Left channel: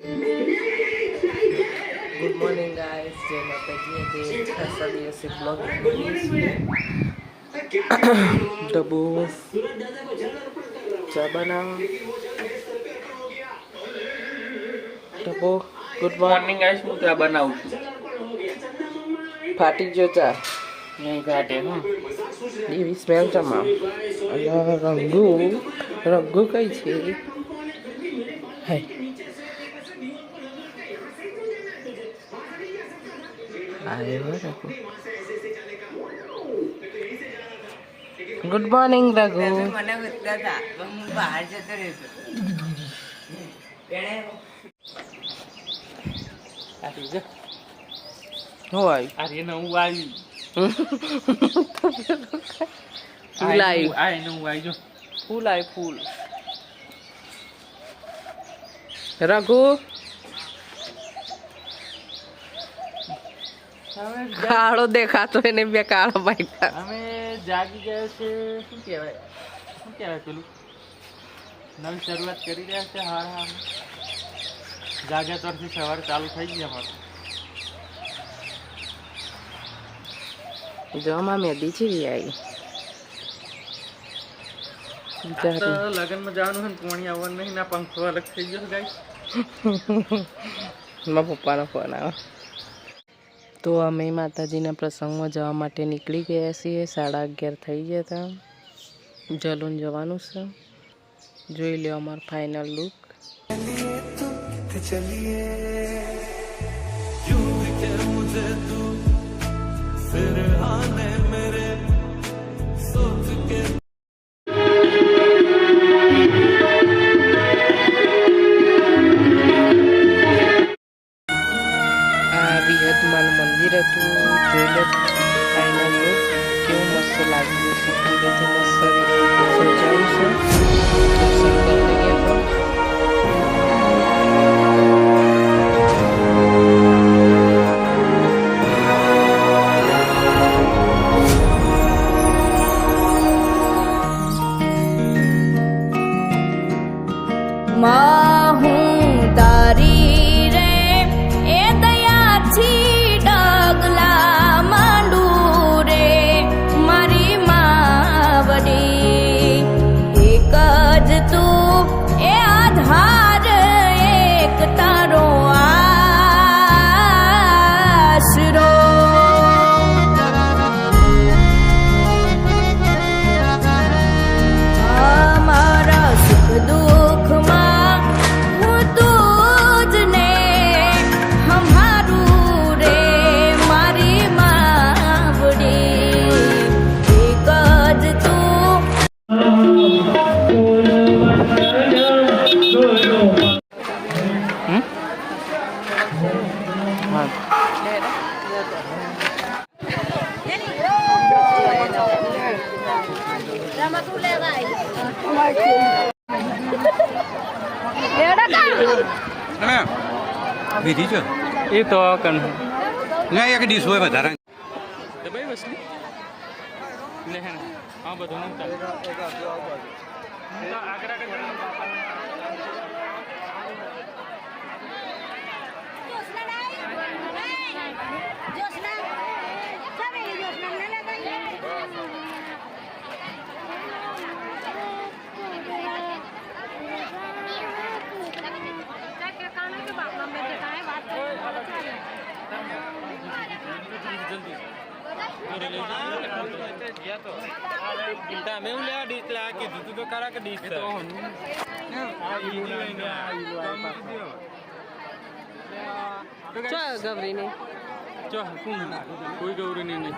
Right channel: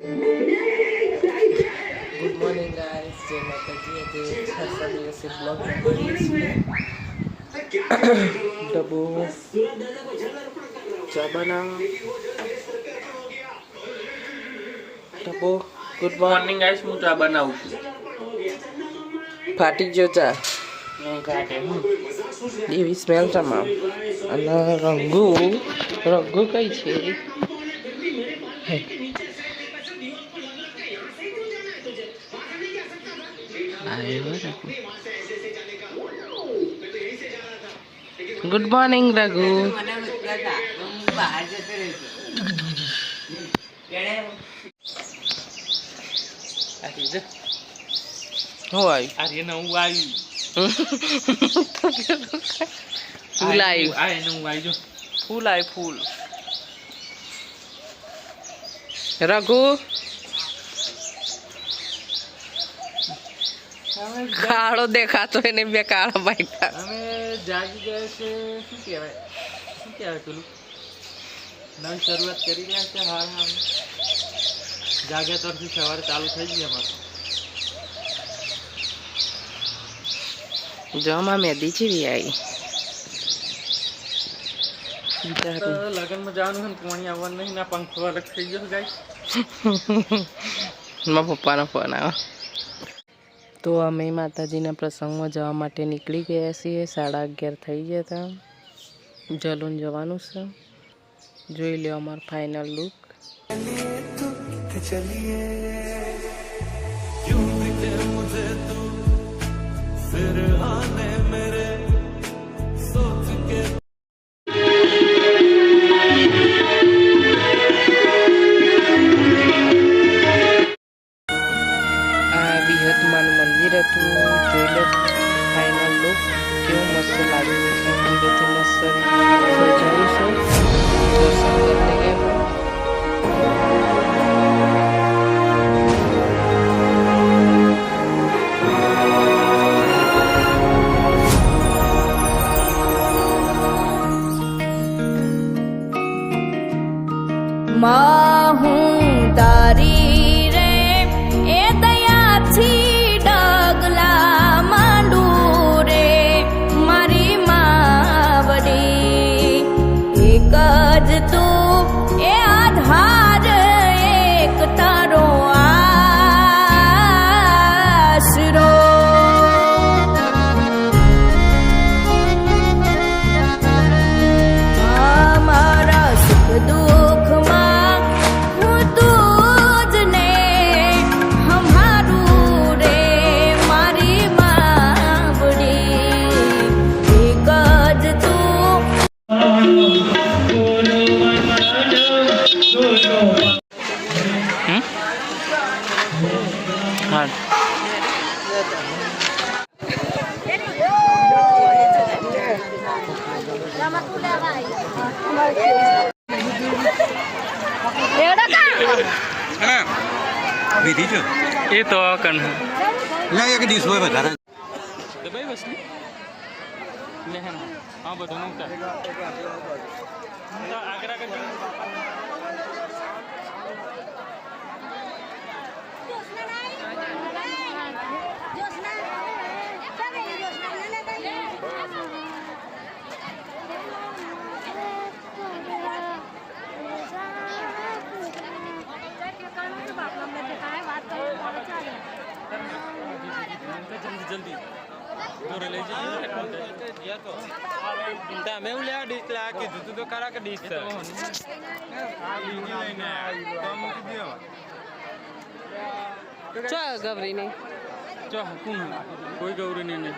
Good morning guys, जय माता जी के सभी ऐसे ब्लॉग बनाइए છીએ डब्बू चा बनाओ डब्बू गुड मॉर्निंग गाइस, હું ચા બનાવું છું. ફાટી ગયો ચા નહીં ફાટે એવી સ્મેલ તમામ અને રંગુ કઈ છે गुड मॉर्निंग रघु फूल आई फूल रघु કાળો દેખાતો એને બે કાળા બાઈકા અમે જાગી ગયા છે. શું કહેવાય પેલું નવી શરૂઆત કરી રહ્યા છે. હા જાગ્યા તરફથી સવારે ચાલુ થઈ ગઈ અમારું. જવામાં મેદી જેવી આવી લગ્નમાં જવાનું છે ને પોણી આવવાનું નહીં ના પંખો અલગ થઈ ગયો ગાય. મારા પપ્પાનો ફોન આવ્યો. તો અમે માતાજીના પ્રસંગમાં જવા માટે નીકળી ગયા છીએ. 11:30 થઈ ગયા હતા. જલૂન જવાનું છે. જોઈ લો અમારો ફાઇનલ લુક. વિહતમાનું મંદિર હતું. જોઈ લો ફાઇનલ લુક કેવું મસ્ત લાગી જશે. અંદરથી મસ્ત સજાયું છે. દર્શન કરી ગયા હતા. હું તારી રે એ દયાથી ડગલા માંડું રે મારી માવડી એક જ તું એ આધાર એક તારો આશરો અમારા સુખ દુઃખમાં હું તું જ ને હમારું રે મારી માવડી એક જ તું. હા વિધિ છે એ તો કન ના એક ડીશ હોય વધારે દબાઈ બસ ને હા બધું નું તમે હું લેવા ડીશ લા કે જુતું તો કરા કે ડીશ આ બીજી લઈને ચો ગવરી નહીં ચો કોણ કોઈ ગવરી નહીં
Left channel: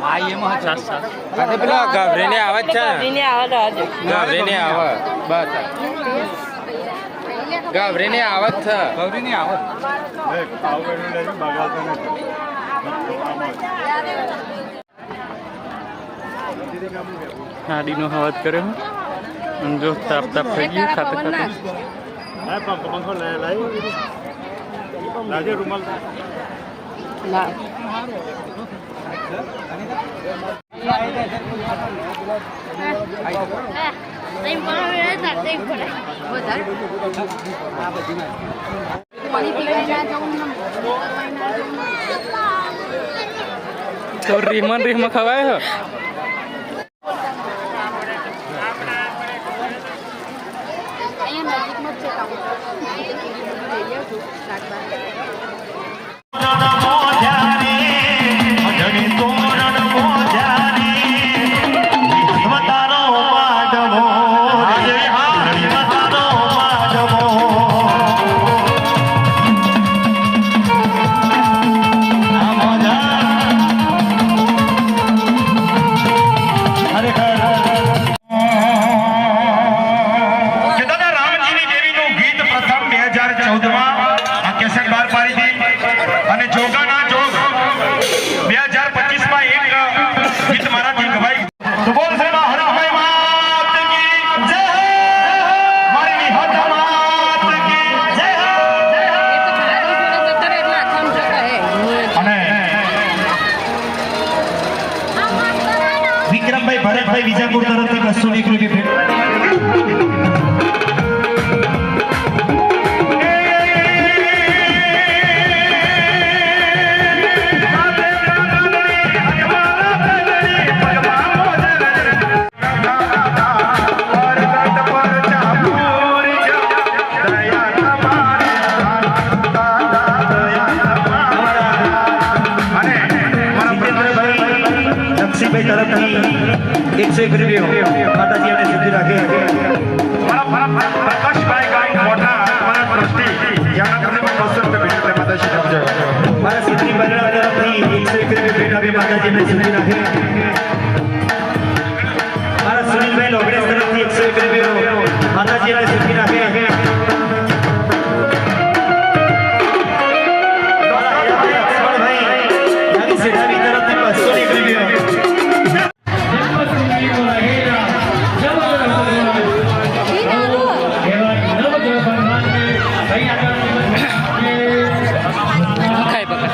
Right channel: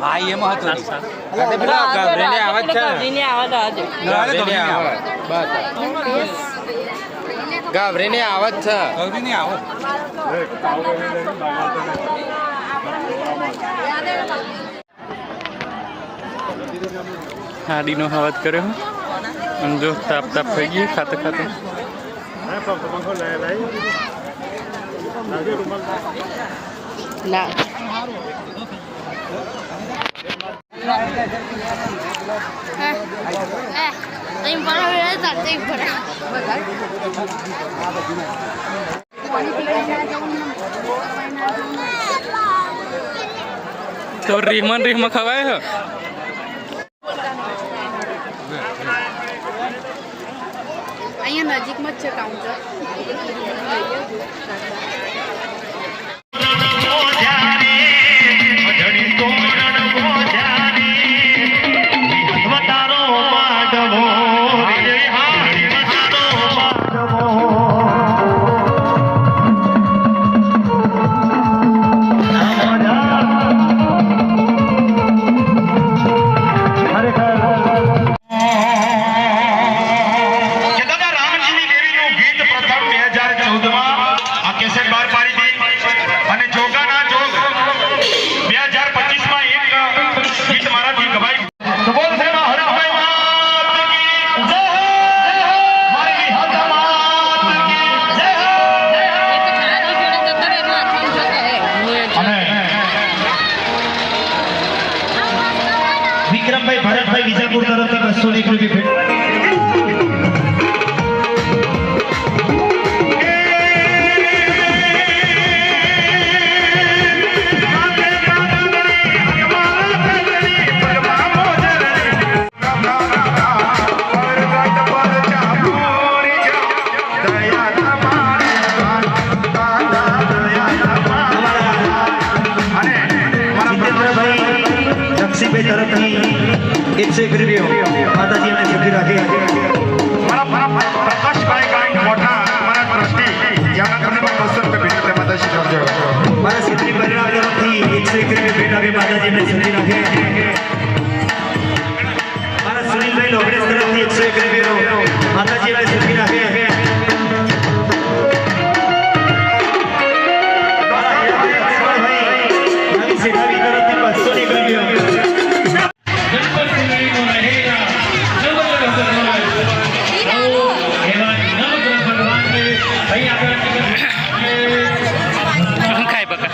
ભાઈ એમાં ક્લાસ ગવરીને આવે છે. ગવરીને આવે બસ ગવરીને આવત છે. ગવરીને આવત હાડીનો હવાજ કર્યો અને જો તાપ થઈ ગઈ ખાતે ખાતે લા તો રીમાં ખવાય હે અહીંયા નજીકમાં જ છે કાઉન્ટર લઈએ જો વિક્રમભાઈ ભરતભાઈ વિજાપુર તરફથી 201 રૂપિયા તરફથી 101 રૂપિયા માતાજી અમે સુખી રાખે મારા સિદ્ધિ પરિવાર તરફથી 101 રૂપિયા ભેટ આપી માતાજી અમે સુખી રાખે મારા સુનિલભાઈ લોગડેસ તરફથી 101 રૂપિયા માતાજી અમે સુખી રાખે સેઠાવી તરફથી 201 રૂપિયા ખાય બકા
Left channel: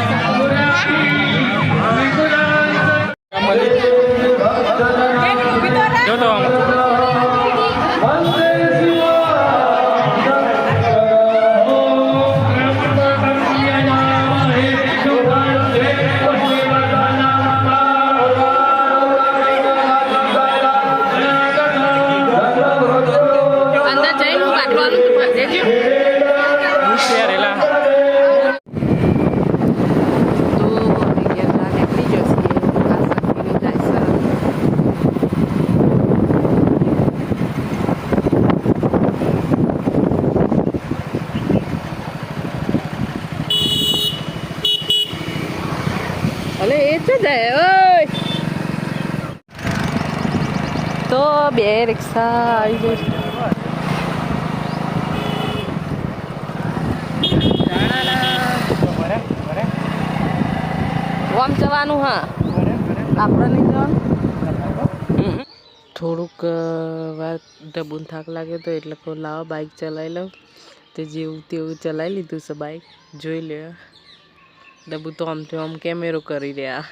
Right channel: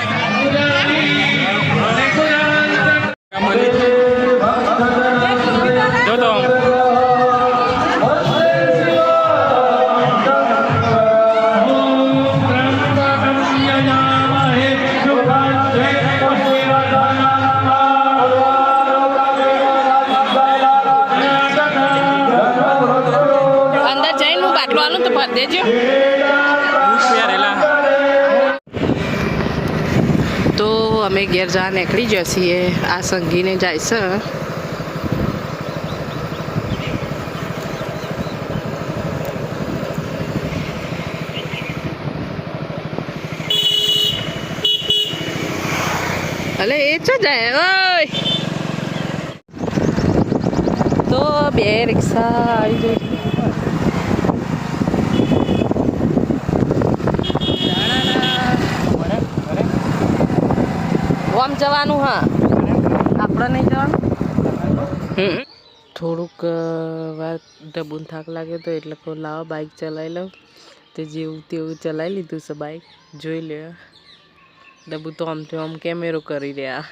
જો તો તો અમે ઘેર જા નીકળી જઈએ આ સંગીને જાય છે અલે એ છે જાય ઓય તો બે રિક્ષા આવી જઈ આમ જવાનું હા આપણે નહીં જવાનું થોડુંક વાર ડબુન થાક લાગે તો એટલે કહું લાવો બાઇક ચલાવી લઉં તે જેવું તેવું ચલાવી લીધું છે બાઇક જોઈ લે ડબુ તો આમથી આમ કેમેરો કરી રહ્યા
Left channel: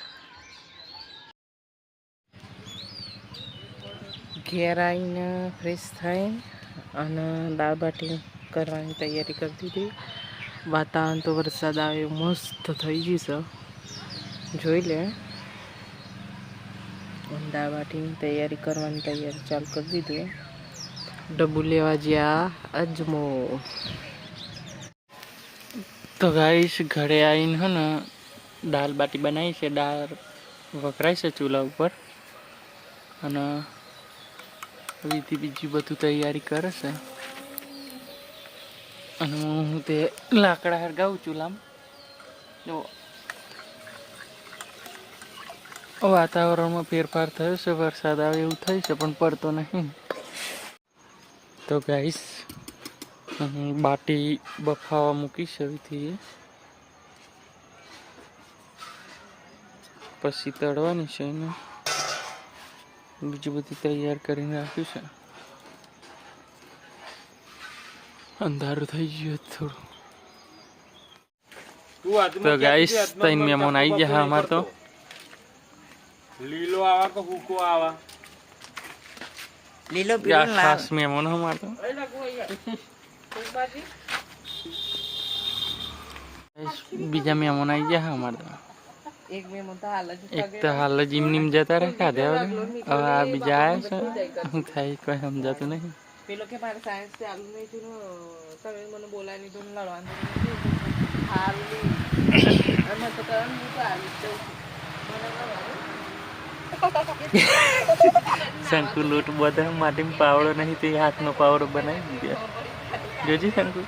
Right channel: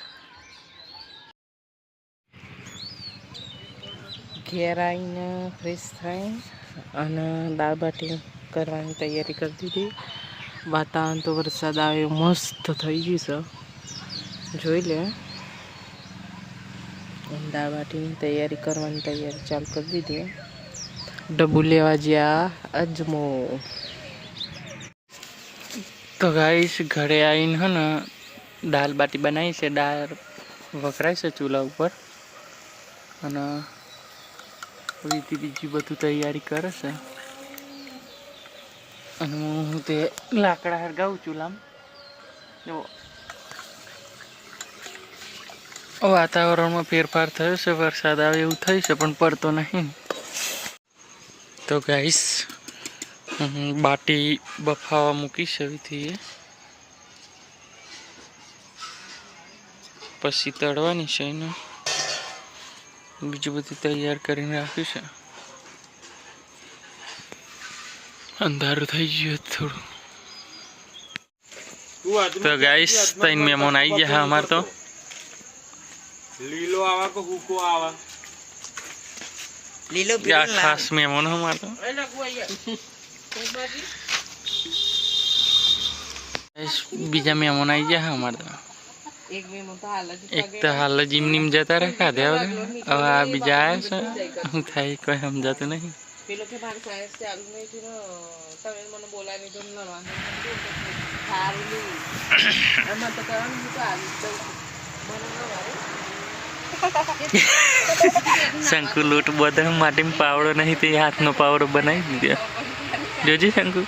ઘેર આવીને ફ્રેશ થઈ અને દાળ બાટી કરવાની તૈયારી કરી દીધી વાતાવરણ તો વરસાદ આવે મસ્ત થઈ ગયું છે જોઈ લે દાળ બાટીની તૈયારી કરવાની તૈયારી ચાલુ કરી દીધી ડબ્બુ લેવા જ્યાં અજમો તો ગાઈસ ઘરે આવીને હે ને દાળ બાટી બનાવી છે દાળ વઘરાય છે ચૂલા ઉપર અને બીજી બધું તૈયારી કરે છે અને હું તે લાકડા હરગાવું ચૂલામાં જો વાતાવરણમાં ફેરફાર થયો છે વરસાદ આવે એવું થઈ છે પણ પડતો નહીં તો ગાઈસ બાટી બફાવા મૂકી છે એવીથી પછી તળવાની છે એને બીજું બધું તૈયાર કરીને રાખ્યું છે અંધારું થઈ ગયું થોડું તો ગાઈસ ત્રણ મહેમાન આવી ગયા અમારે તો લીલો આવા કે હુકો આવા લીલો क्या खास मेहमान हमारा बीजा मेहमान आई गया हमारा એક મેમો તો હાલ જ एक तो हाल जिम निम जाता रखा दे अब आ बीजा आया से હું થાય કોઈ સમજાતું નહીં પેલો કે મારે સાયન્સ ચાલુ નહીં થયું ને તમે મને બોલાવી દીધું ને વાંધો નહીં હારું નહીં એમાં તો કરવાનું હું તો આવી જ જાઉં શંકુ લોટ બધા માટીમાં પાવડો નહીં તે હાથનો પાવડો બનાવી દીધો જોજી શંકુ